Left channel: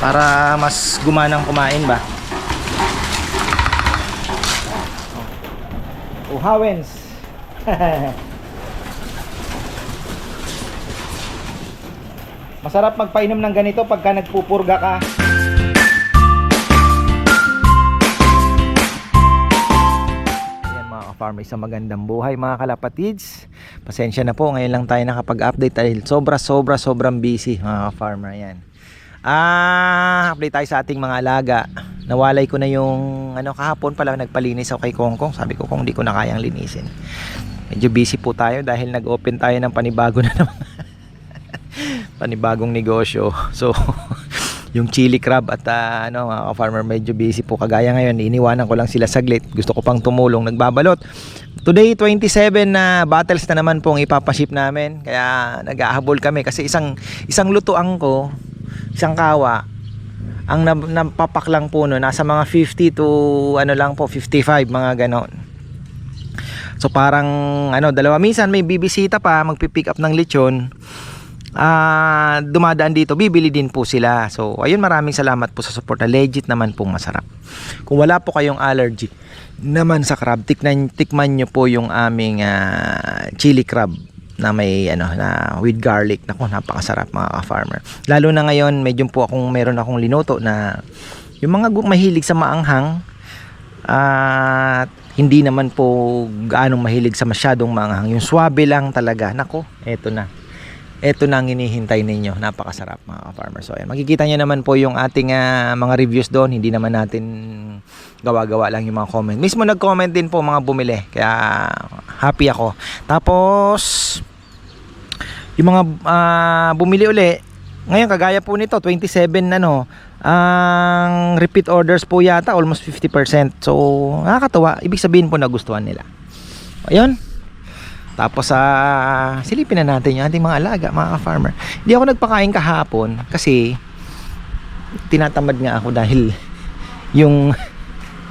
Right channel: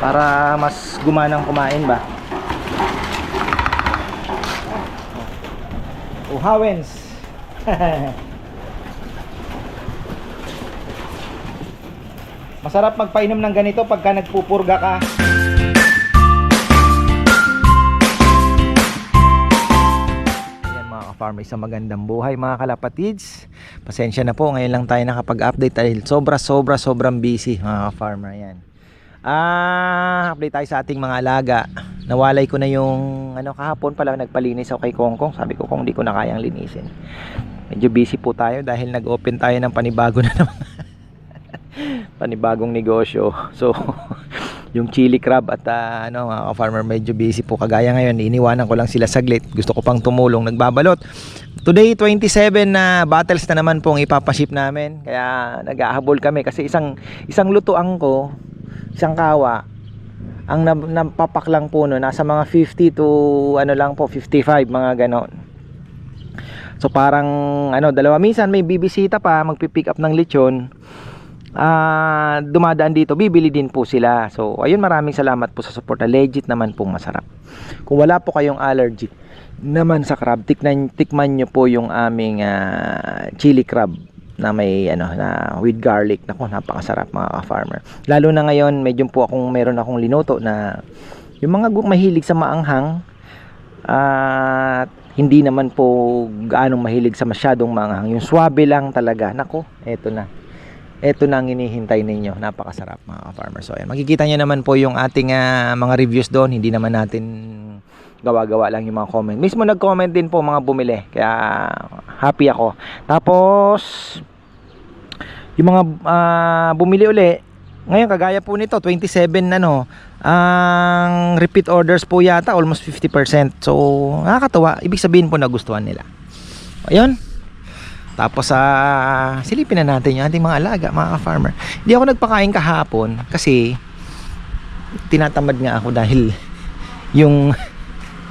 para mas gumanang kumain ba oh hawens masarap magpainom ng ganito pagka nagpupurga ka ka-farmer, isang magandang buhay mga kalapatids. Pasensya na po, ngayon lang tayo nakapag-update dahil sobra sobra sobrang busy mga ka-farmer. Ayan. Ah, update tayo sa ating mga alaga. Nawalay ko na yung ano kahapon pala nagpalinis ako kay Kongkong. Sabi ko kung di ko na kayang linisin. Medyo busy po tayo dahil nag-open tayo ng panibago na naman. panibagong negosyo. So, yung chili crab at ah, ano mga farmer medyo busy po kagaya ngayon iniwanan ko lang sila saglit gusto ko pang tumulong nagbabalot today 27 na bottles na naman pong ipapaship namin kaya nag-ahabol kami kasi isang isang lutuan ko isang kawa ang napapak lang po no nasa mga 50 to ano lang po 55 mga ganon so parang ano dalawa minsan may bibisita pa magpi-pick up ng lechon ah dumadaan dito, bibili din po sila. So, ayun, maraming salamat po sa support. Legit naman pong masarap. Kung wala po kayong allergy naman sa crab, tikman, tikman nyo po yung aming ah, chili crab na may ano na with garlic nako napakasarap mga ka-farmer lalo na ngayon medyo po akong meron akong linuto na yung mga mahilig sa maanghang at hindi naman po gaano mahilig sa masyadong maanghang yung swabe lang talaga nako eto na eto na ang hinihintay ninyo. Napakasarap mga farmer. So ayan, makikita nyo naman po yung ating ah, mga reviews doon. Hindi naman natin gawa-gawa lang yung mga comment. Mismo nag-comment din po mga bumili. Kaya happy ako. Tapos yung mga ah, bumili uli, ngayon kagaya po nito 27 ano, ang repeat orders po yata almost 50%. So nakakatuwa. Ibig sabihin po nagustuhan nila. Ayun. Tapos sa silipin na natin yung ating mga alaga, mga farmer. Hindi ako nagpakain kahapon kasi tinatamad nga ako dahil yung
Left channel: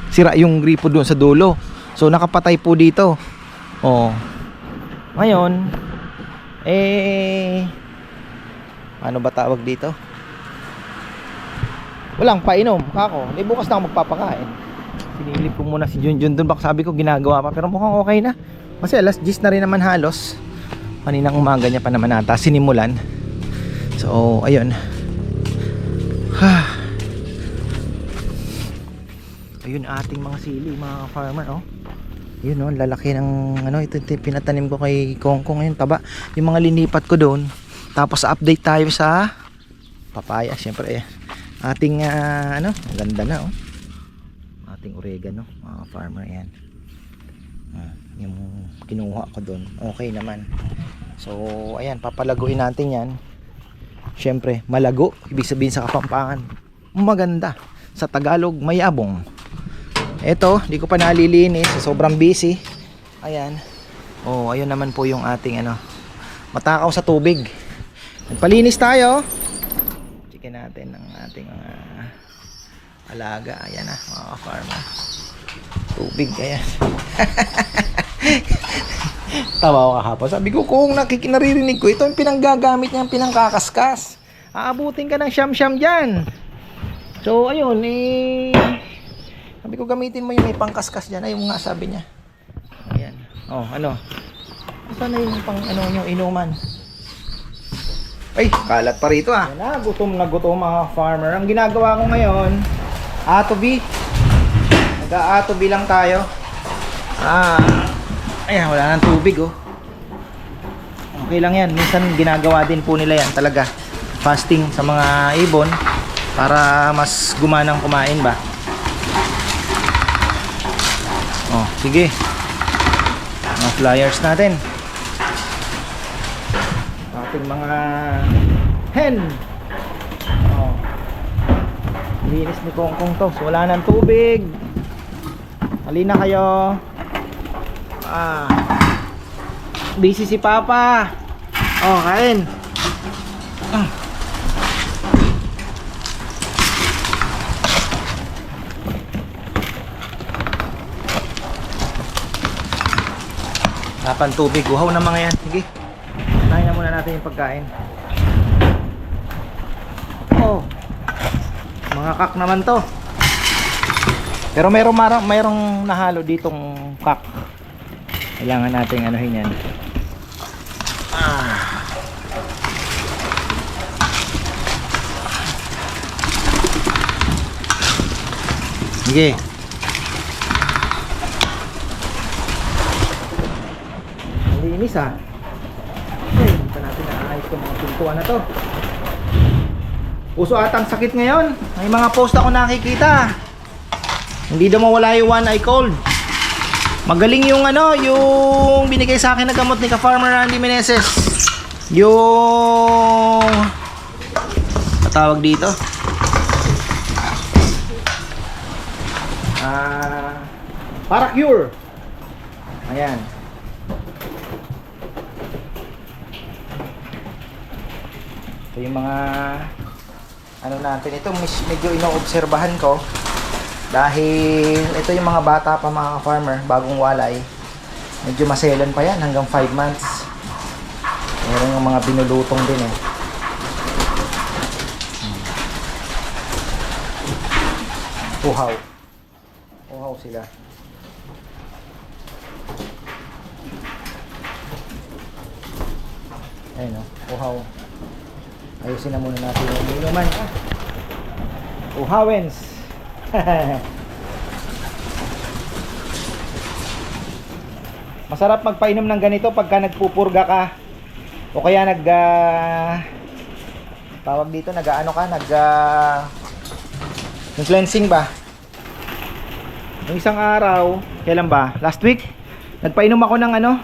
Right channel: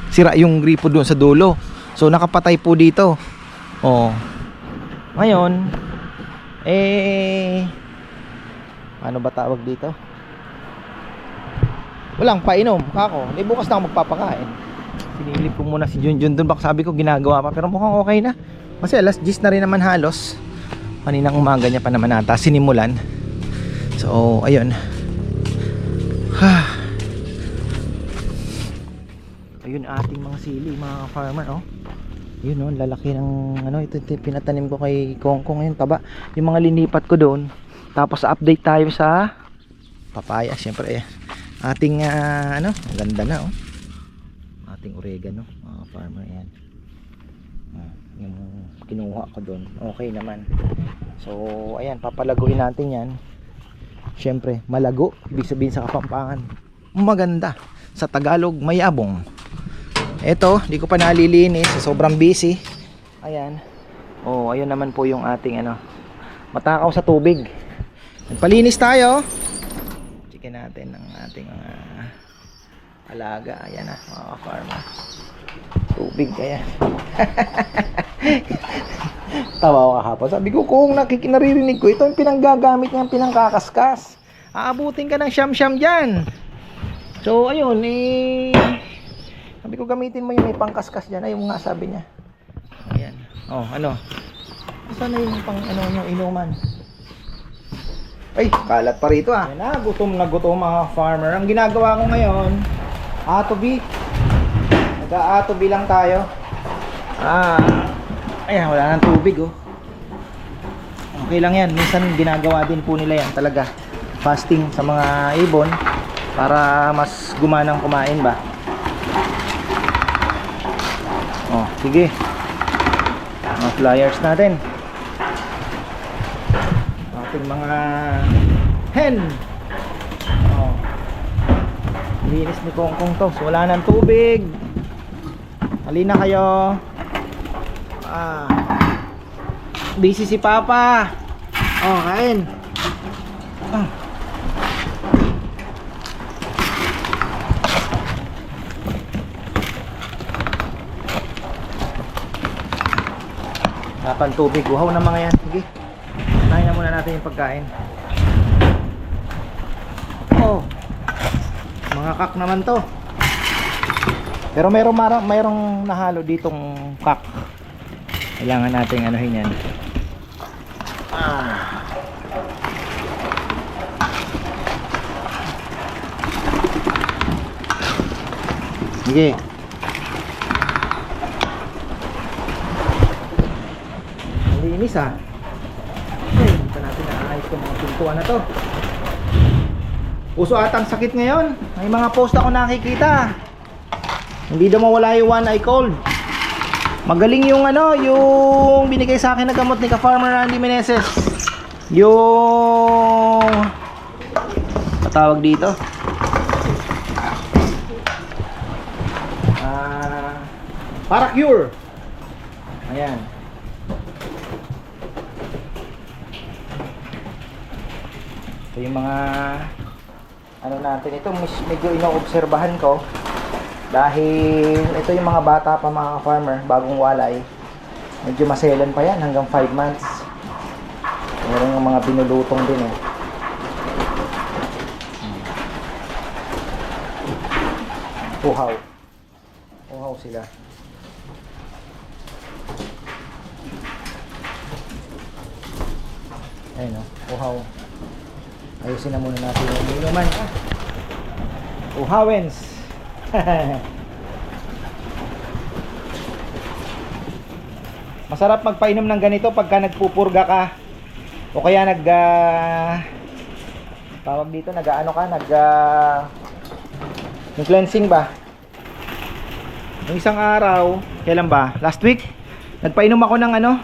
sira yung gripo doon sa dulo. So nakapatay po dito. Oh. Ngayon eh ano ba tawag dito? Walang painom, kako. Hindi bukas na ako magpapakain. Sinilip ko muna si Junjun doon baka sabi ko ginagawa pa pero mukhang okay na. Kasi alas 10 na rin naman halos. Kaninang umaga niya pa naman ata sinimulan. So, ayun. Ayun ating mga sili, mga farmer, oh. Yun oh, lalaki ng ano, ito, ito pinatanim ko kay Kongkong ngayon, taba. Yung mga linipat ko doon. Tapos update tayo sa papaya, syempre eh. Ating ah, ano, ganda na oh. Ating oregano, mga farmer yan. Ah, yung kinuha ko doon okay naman so ayan papalaguin natin yan syempre malago ibig sabihin sa kapampangan maganda sa Tagalog mayabong eto di ko pa nalilinis. Sobrang busy. Ayan. Oh ayun naman po yung ating ano matakaw sa tubig. Nagpalinis tayo. Chicken natin ng ating mga alaga. Ayan na mga farmer tubig ayan. Tawa ko kahapon. Sabi ko kung nakikinaririnig ko ito yung pinanggagamit niya pinangkakaskas. Aabutin ka ng siyam siyam dyan. So ayun eh sabi ko gamitin mo yung may pangkaskas dyan. Ayun nga sabi niya. Ayan. Oh ano? Saan na yung pang ano yung inuman? Ay kalat pa rito ah. Ayan na gutom na gutom mga farmer. Ang ginagawa ko ngayon atobi nag-aatobi lang tayo. Ah, ayan, wala nang tubig oh. Okay lang yan. Minsan ginagawa din po nila yan talaga. Fasting sa mga ibon para mas gumanang kumain ba. Oh, sige. Mga flyers natin. Ating mga hen. Oh. Linis ni Kongkong to. So, wala nang tubig. Halina kayo. Ah. Busy si Papa. Oh, kain. Ah. Tapan tubig. Uhaw na mga yan. Sige. Unahin na muna natin yung pagkain. Oh. Mga kak naman to. Pero merong marang merong nahalo ditong kak. Kailangan nating anuhin yan. Ah. Sige. Linis ah. Ay, hindi pa natin naayos itong mga pintuan na to. Puso atang sakit ngayon. May mga post ako nakikita. Hindi daw mawala yung one eye cold. Magaling yung ano, yung binigay sa akin na gamot ni ka-farmer Randy Meneses. Yung patawag dito. Ah, para cure. Ayan. Ito yung mga ano natin ito medyo inoobserbahan ko. Dahil ito yung mga bata pa mga farmer bagong walay. Medyo maselan pa yan hanggang 5 months. Meron mga binulutong din eh. Hmm. uhaw uhaw sila. Ayun o uhaw ayusin na muna natin yung inuman. Ah. uhawens Masarap magpainom ng ganito pagka nagpupurga ka. O kaya nag ah, tawag dito nag-ano ka nag ah, yung cleansing ba? Yung isang araw kailan ba? Last week? Nagpainom ako ng ano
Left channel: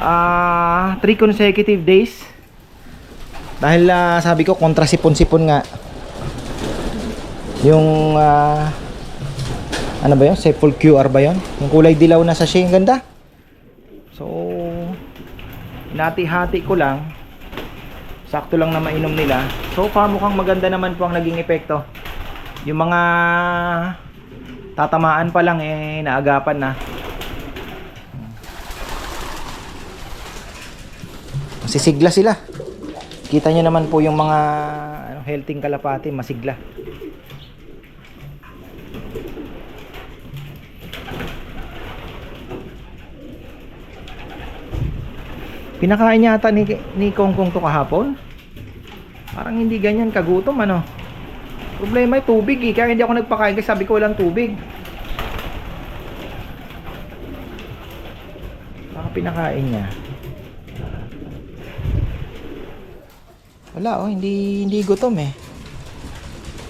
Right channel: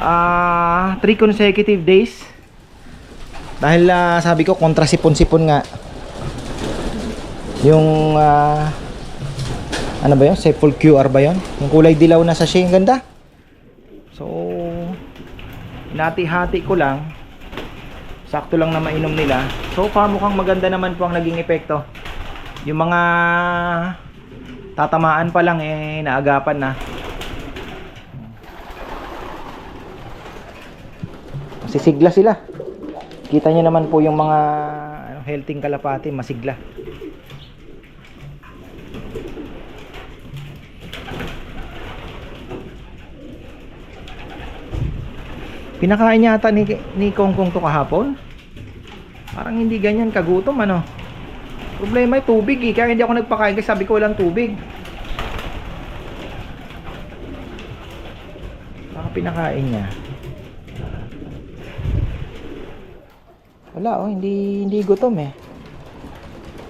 ah 3 consecutive days dahil ah, sabi ko kontra sipon-sipon nga yung ah, ano ba yun? Sepul QR ba yun? Yung kulay dilaw na sachet, ang ganda. So, hinati-hati ko lang. Sakto lang na mainom nila. So far mukhang maganda naman po ang naging epekto. Yung mga tatamaan pa lang eh naagapan na. Masisigla sila. Kita nyo naman po yung mga ano, healthy kalapati, masigla. Pinakain yata ni, ni Kong Kong to kahapon. Parang hindi ganyan kagutom ano. Problema ay tubig eh. Kaya hindi ako nagpakain kasi sabi ko walang tubig. Baka pinakain niya. Wala oh, hindi hindi gutom eh.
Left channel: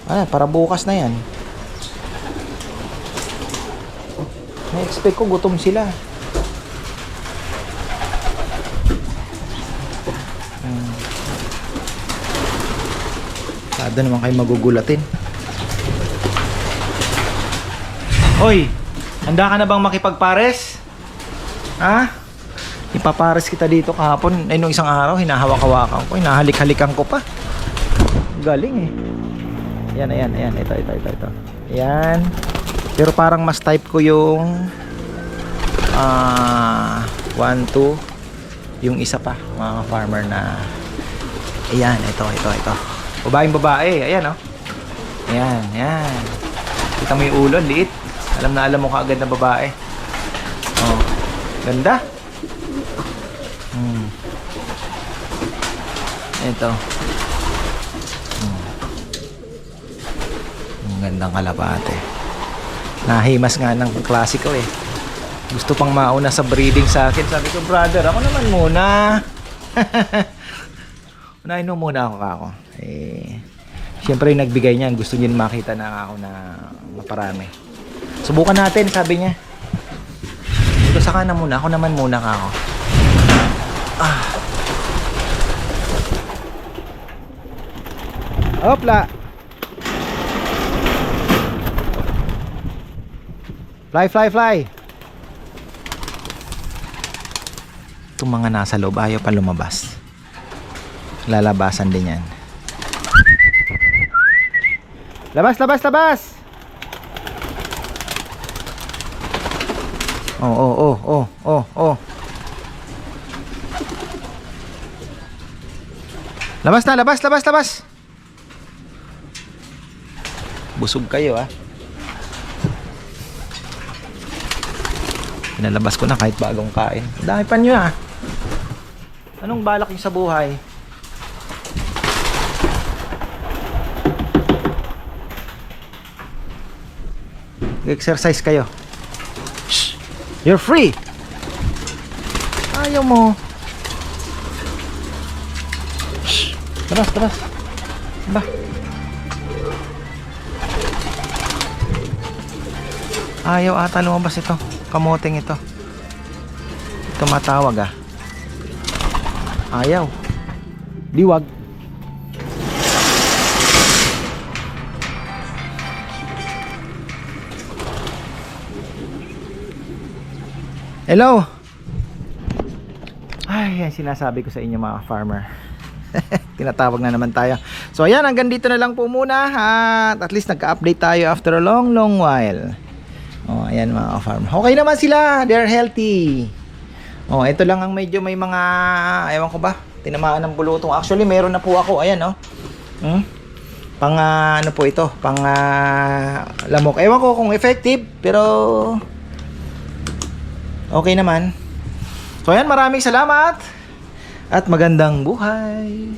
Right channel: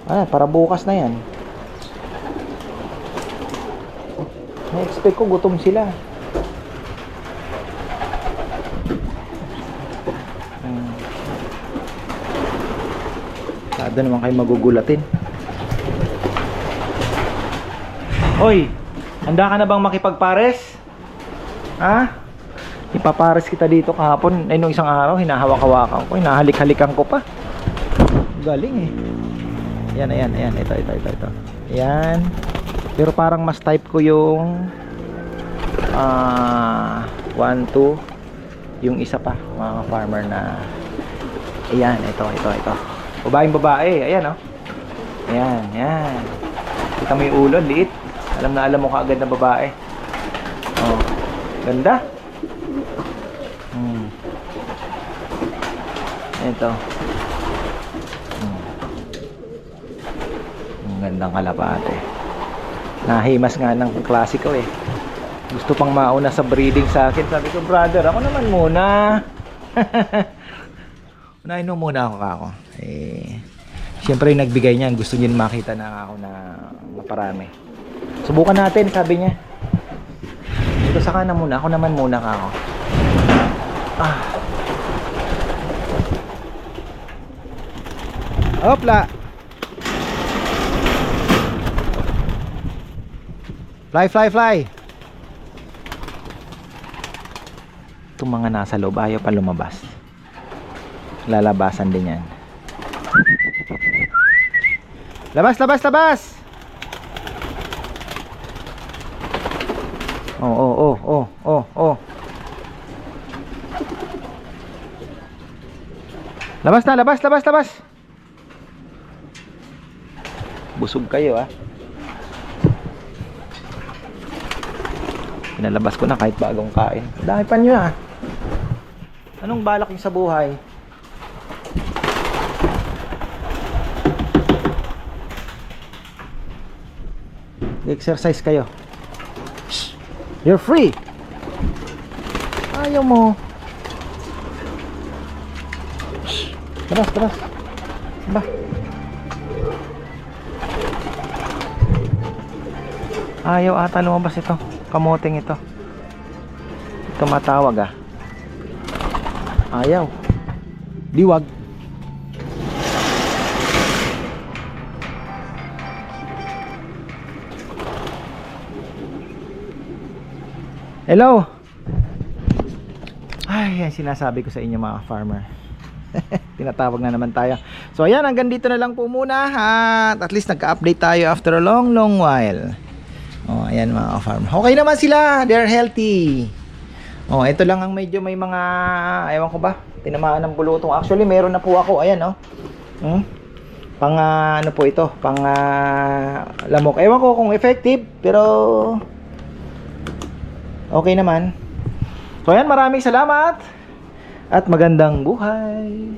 Ah, para bukas na 'yan. Na-expect ko gutom sila. Sada naman kayo magugulatin. Hoy, handa ka na bang makipagpares? Ha? Ipapares kita dito kahapon. Ay, nung isang araw, hinahawak-hawakan ko. Hinahalik-halikan ko pa. Galing eh. Yan, ayan, ayan. Ito, ito, ito, ito. Ayan. Pero parang mas type ko yung ah 1, 2 yung isa pa mga farmer na ayan, ito, ito, ito babaeng babae, ayan oh ayan, ayan kita mo yung ulo, liit alam na alam mo kaagad na babae oh, ganda ito. Hmm. ang gandang kalapate. Nahimas nga ng klasiko eh. Gusto pang mauna sa breeding sa akin. Sabi ko brother ako naman muna. Unahin mo muna ako kako. Eh syempre yung nagbigay niyan gusto niya makita na ako na maparami. Subukan natin sabi niya. Ito saka na muna. Ako naman muna kako. Ah Hopla Fly, fly, fly. Itong mga nasa loob, ayaw pa lumabas. Lalabasan din yan. Labas, labas, labas! Oh, oh, oh, oh, oh, oh. Labas na, labas, labas, labas. Busog kayo ah. Pinalabas ko na kahit bagong kain. Dami pa nyo ah. Anong balak nyo sa buhay? Exercise kayo. Shh. You're free. Ayaw mo. Shh. Tara, tara. Ba. Ayaw ata lumabas ito. Kamoting ito. Tumatawag ah. Ayaw. Diwag. Hello. Ay, yan sinasabi ko sa inyo mga farmer. Tinatawag na naman tayo. So ayan, hanggang dito na lang po muna at at least nagka-update tayo after a long long while. Ayan mga farm. Okay naman sila, they're healthy. Oh, ito lang ang medyo may mga ewan ko ba, tinamaan ng bulutong. Actually, meron na po ako, ayan oh. Hmm? Pang ah, ano po ito, pang ah, lamok. Ewan ko kung effective, pero okay naman. So ayan, maraming salamat at magandang buhay.